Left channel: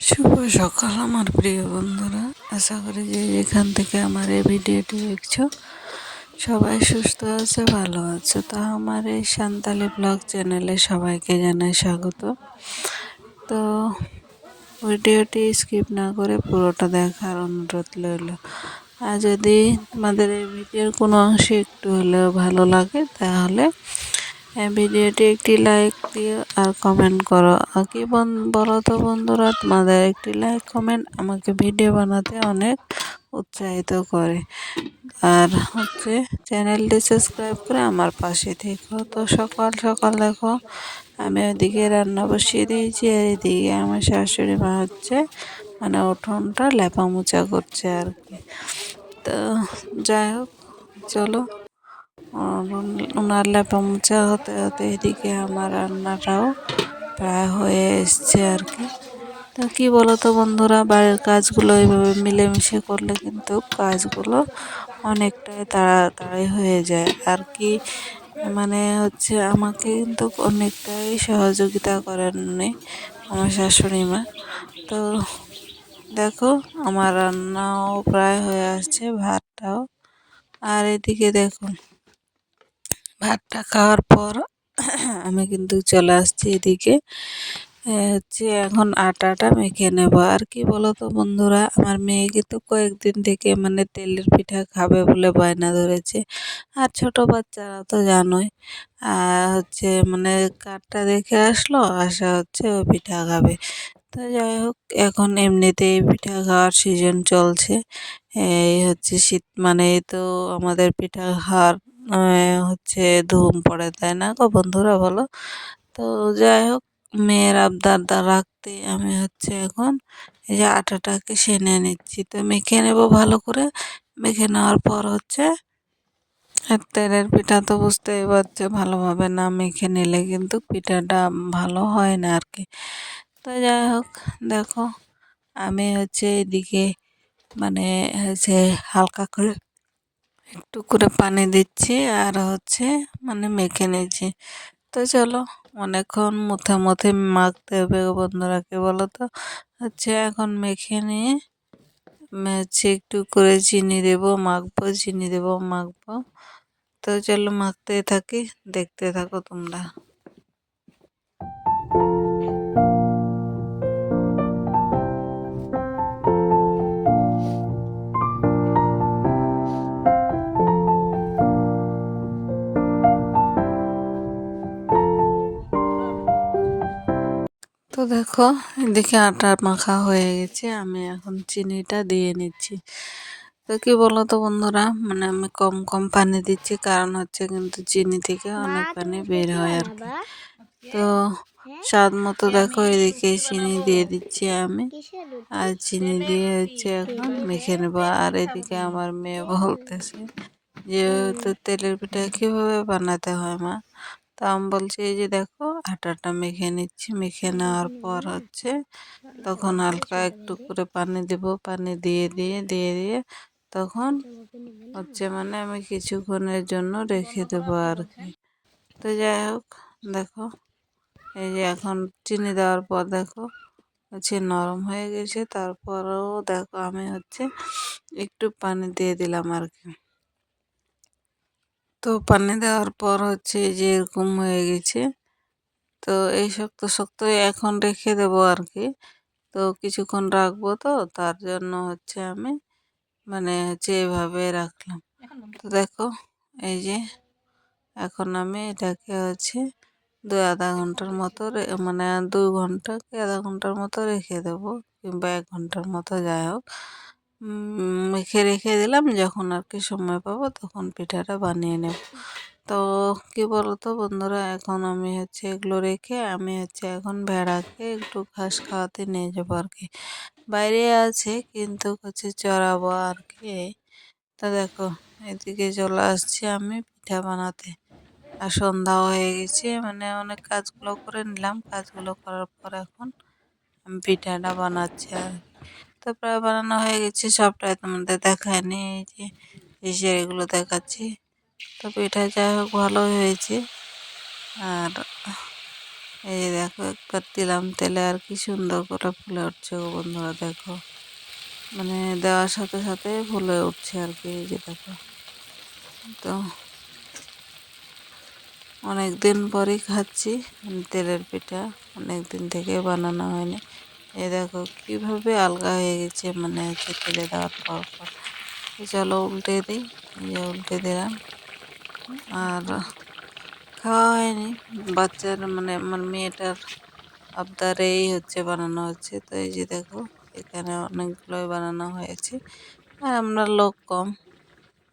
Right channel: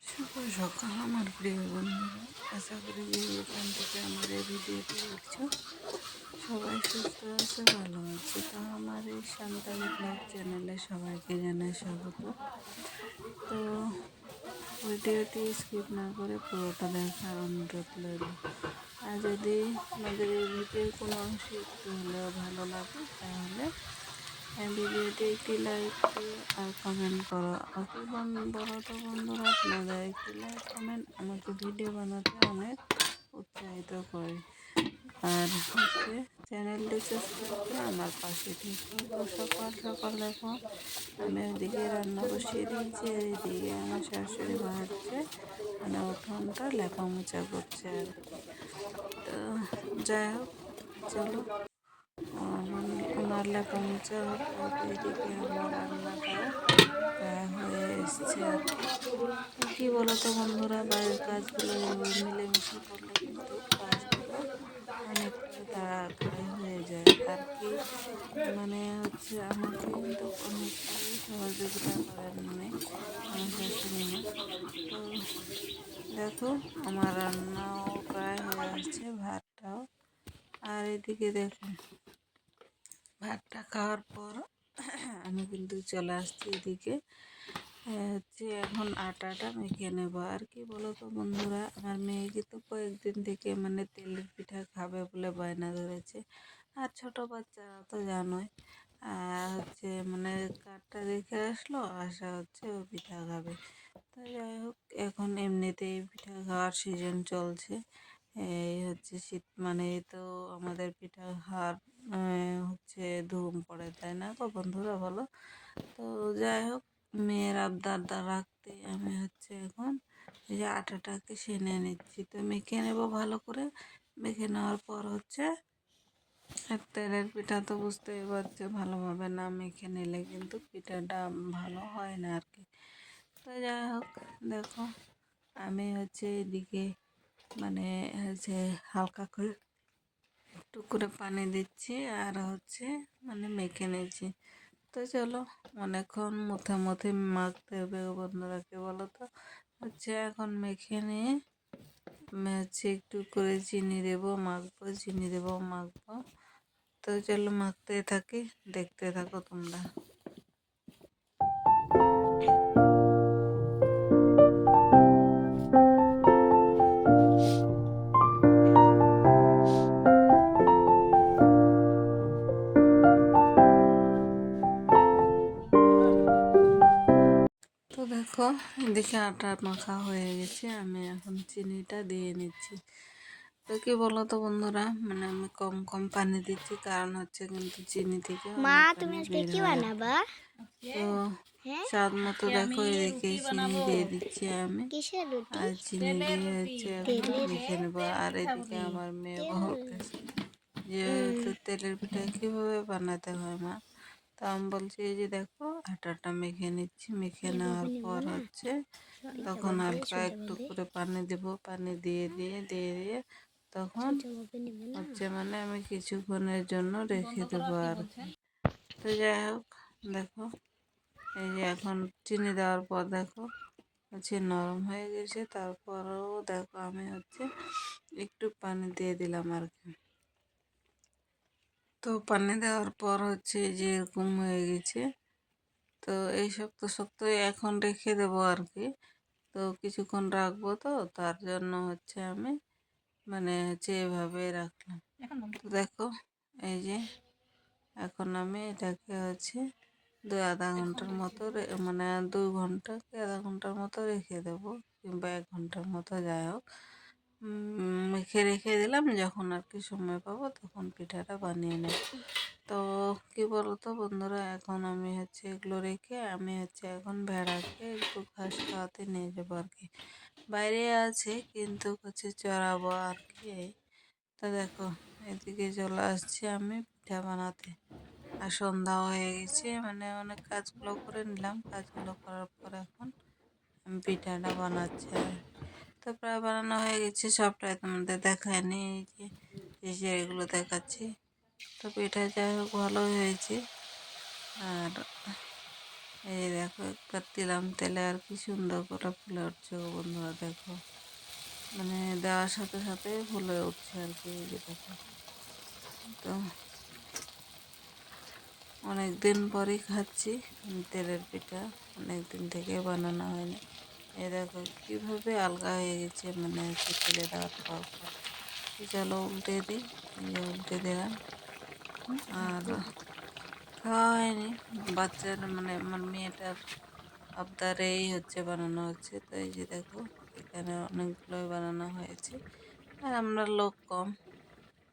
শুভ সকাল আমার প্রিয় বন্ধুরা। আশা করি যে যেখান থেকে আমার এই ভিডিওটি দেখছো সবাই সুস্থ আছে, ভালো আছে। তো আমার এই সান্তালি ব্লগ চ্যানেলে সবাইকে জানাই স্বাগত। তো ভিডিওটি স্কিপ না করে পুরোটা দেখার অনুরোধ রইল। আর যদি তোমাদের এই ভিডিওর কোনো অংশে একটু হলেও ভালো লাগে তাহলে ভিডিওটি একটি লাইক দিও আর কমেন্ট করো। আর কি বলো তো বন্ধুরা, তোমাদের একটি লাইক কমেন্ট আমাকে ভিডিও বানাতে অনেক উৎসাহিত করে। আর চ্যানেলটি সাবস্ক্রাইব করে আমার পাশে থেকো। তো সকাল সকাল দেখো আমি ওইদিকে রান্না বসিয়ে দিয়েছি, আর এদিকে আমার শাশুড়ি মা মানে উঠোনটা লেপা মোচা করছে আর কি। তো যাই হোক, চলো ওনার লেপা মোচা হতে হতে এদিকে আমার রান্নাটাও প্রায় হয়ে এসছে আর কি। তো কী বলো তো বন্ধুরা, বাড়ির কাজগুলো এইভাবে মিলেমিশে করলে কিন্তু কাজগুলো অনেকটাই তাড়াতাড়ি হয়ে যায় আর কি। মানে আমাকে কিন্তু অনেকটাই সহযোগিতা করেন উনি, আমার শাশুড়ি মা। তো দেখো আমার রান্নাও প্রায় হয়ে আসছে, ভাতটাও। আর এদিকে দেখো ভাতটা খাওয়ার পর আমি কিন্তু চলে আসছি এদিকে। এখন আটাটা মেখে নেব আর কি। বলো তো বন্ধুরা, আমার মেয়েকে তো কয়েকদিন থেকে মানে তেলের পিঠা খাবে বলে বায়না ধরেছে। আর ছোট বাচ্চারা তো জানোই, আর মানে কার্ডটা দেখে আসলো, ও পিঠা খাবে। তো যাই হোক, এখন এমনিতেই পিঠা খাওয়ার সিজন চলছে। এই শীত মানেই তো আমাদের পিঠা খাওয়ার ধুম পড়ে, তাই না গো বন্ধুরা, বলো? তো যাই হোক, মেয়ের আবদার রাখতে আমি এখন এই যে আটাটাকে সেনে নিচ্ছি। তো মেখে নেব ভালো করে। মেখে নেওয়ার পর আর তেলের পিঠা তো বুঝতেই পারছো, ভালোভাবে না মেখে নিলে কিন্তু পিঠাটা ভালো হয় না আর কি। তো যাই হোক, দেখো আমি এদিকে মানে হালকা করে একটু করে পানি দিচ্ছি, আর মানে মেখে নিচ্ছি। তো চলো, অনেকক্ষণ মুথে মুথে মাখতে হবে গো বন্ধুরা, কে বলো তো। এখন মেখে নিয়ে একটু করে চিনি দেবো, মাখবো, চিনি দেবো, মাখবো। তো চলো মাখতে থাকি, দেখতে থাকো তোমরা। তো দেখো এদিকে আটা মাখা হয়ে গেছে, আমি এখন চিনিটা দিয়ে নিচ্ছি। তো কি বলো তো বন্ধুরা, মানে আমি কম কম পানি দিচ্ছি, কারণ কিন্তু চিনি থেকে মা, অনেক তুমি পানি আজকে বের কি হয় আর কি। বানাবা? তো হ্যাঁ, স্বাদ মতো দেখো এদিকে রুটি চিনি বানাবো। দিয়ে দিচ্ছি আমি। কিসের রুটি? আর চিনি তেলের দিয়ে রুটি। এখন তেলের মেখে নেবো। আর তেলের পিঠা এদিকে বানাবো। আমার মেয়ে তেল বলতেছে উম, যেহেতু তেলের পিঠা কিভাবে বানাতে হয় মা। তো আমি বলছি এই যে দেখো আটাটা মেখে নিচ্ছি, মেখে নেওয়ার বলবি পর না, তখন হালকা সোজা একটু বলবি, করে পানি দেব, পানি দিয়ে তখন সোজা বলবি নেবে না। মানে আমি কিছুক্ষণের জন্য রেখে বন্ধ করো, দেবো আপনি আর কি। বলছেন। তো যাই হোক, দেখো এই যে এখন চিনি দেওয়ার পর দেখো নরম হয়ে গেছে। তারপরেও দেখো আমি একটু পানি দিয়ে দিলাম আর কি। তো পানি দেওয়ার পর এই যে এরকম হয়ে গেছে। তো এই শক্ত শক্ত এখন রেখে দেবো আর কি। তো কিছুক্ষণ রাখবো, তো তার জন্য আমি মানে এভাবে রাখলাম। এখন বন্ধ তো করো। দেখো এই যে এখন আমি এটাকে 2-আধা ঘন্টার মতো মানে 2 ঘন্টা কি আধা ঘন্টার মতো রেখে দেবো, কিংবা 1 ঘন্টার মতো, যাই হোক। মেখে রেখে দিলাম, যখন আর কি সময় পাবো তখন পিঠাটা বানিয়ে নেব। তো কি বলতো বন্ধুরা, এখন আমি এগুলো রেখে আমি এখন ভেড়াকে একটু ঘাস খাওয়াতে নিয়ে যাবো আর কি। বাইরে আছে কিন্তু চড়াবো আর কি। তা দেখো এদিকে চলে আসছি আমি পিঠা বানাতে। আর সন্ধ্যা হয়ে গেছে, মানে অনেক কাজগুলো করে নিলাম, কাজগুলো করার পর এখন আমি পিঠাটা বানাচ্ছি আর কি। তো প্রায় বানানো হয়ে গেছে, সবটাই তোমাদের দেখায়নি, এই যে এগুলো দেখাচ্ছি। তো পিঠা যাই হোক ভালোই হয়েছে। আর এই যে দেখো একবার দিলাম তেলে আর কি সুন্দর করে ফুলে উঠছে গো বন্ধুরা, দেখো মানে দেওয়ার সাথে সাথে ফুলে উঠছে আর কি। এই যে দেখো, তো অনেক দিন পরই খাচ্ছি তেলের পিঠা, অনেক দিন থেকে বানানো হয়নি। এই দেখো কিভাবে আলগা হয়ে গেছে, মানে হচ্ছে তেলে দেওয়ার পর পর। তো চলো উল্টে দিই, এই যে উল্টে দিলাম। আর খাওয়া হয়নি, বাচ্চার মানে আমার মেয়েটার আবদারেই হচ্ছে বানানো হচ্ছে। তো এই যে দেখো এখানে অনেকগুলোই বানানো হয়েছে, আর আমরা লোক কম,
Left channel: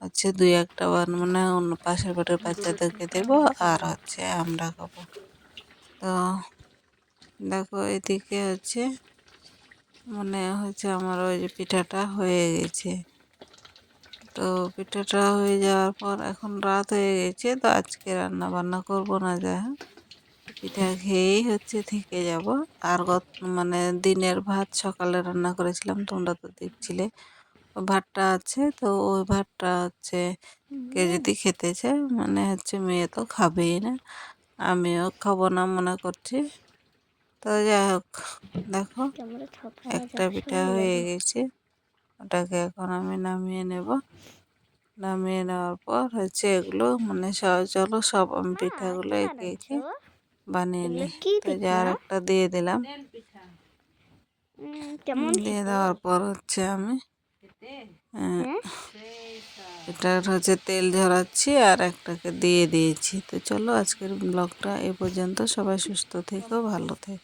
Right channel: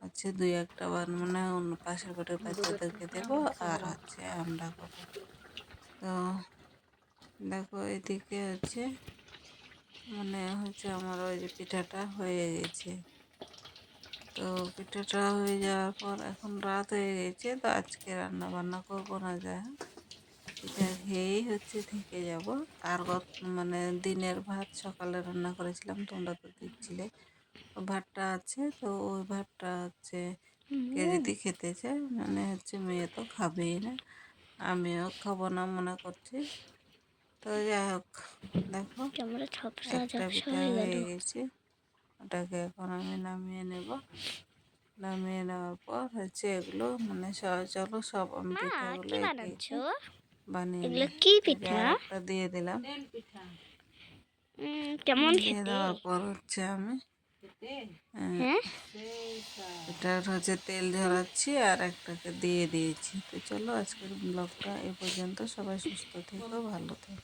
হচ্ছে দুই একটা মানে অন্য পাশের বাড়ির বাচ্চাদেরকে দেবো আর হচ্ছে আমরা খাবো। তো দেখো এদিকে হচ্ছে মনে হচ্ছে আমার ওই যে পিঠাটা হয়ে গেছে। তো পিঠাটা হয়ে যাওয়ার পর এখন রাত হয়ে গেছে, তো আজকে রান্না বান্না করবো না, যা হোক পিঠা খেয়েই হচ্ছে থেকে যাব। আর মানে দিনের ভাত সকালে রান্না করেছিলাম, তোমরা তো দেখছিলে, ওই ভাতটা আছে। তো ওই ভাতটা হচ্ছে কে যদি খেতে চায়, মানে হচ্ছে মেয়ে তো খাবেই না, আমিও খাবো না মনে করছি। তো যাই হোক দেখো ক্যামেরা ছোট একটা পিঠা হয়ে গেছে, ওটাকে এখন আমি নামিয়ে নেব। নামিয়ে নেওয়ার পর হচ্ছে এগুলো মানে চলো সব আমি পিঠাগুলো কি একে বানাচ্ছ? একে বানিয়ে এগুলো নিই। কি তো যে পিঠা? আর একটা দিয়ে দিলাম, কেমন দিয়ে খেতে? দেওয়ার পর হচ্ছে আমি হ্যাঁ, এটার হচ্ছে তেল ঝরাচ্ছি আর একটাকে দিয়ে দিয়েছি। তো চলো আজকের ব্লগটা এ পর্যন্ত, সবাই সুস্থ থেকো, ভালো থেকো।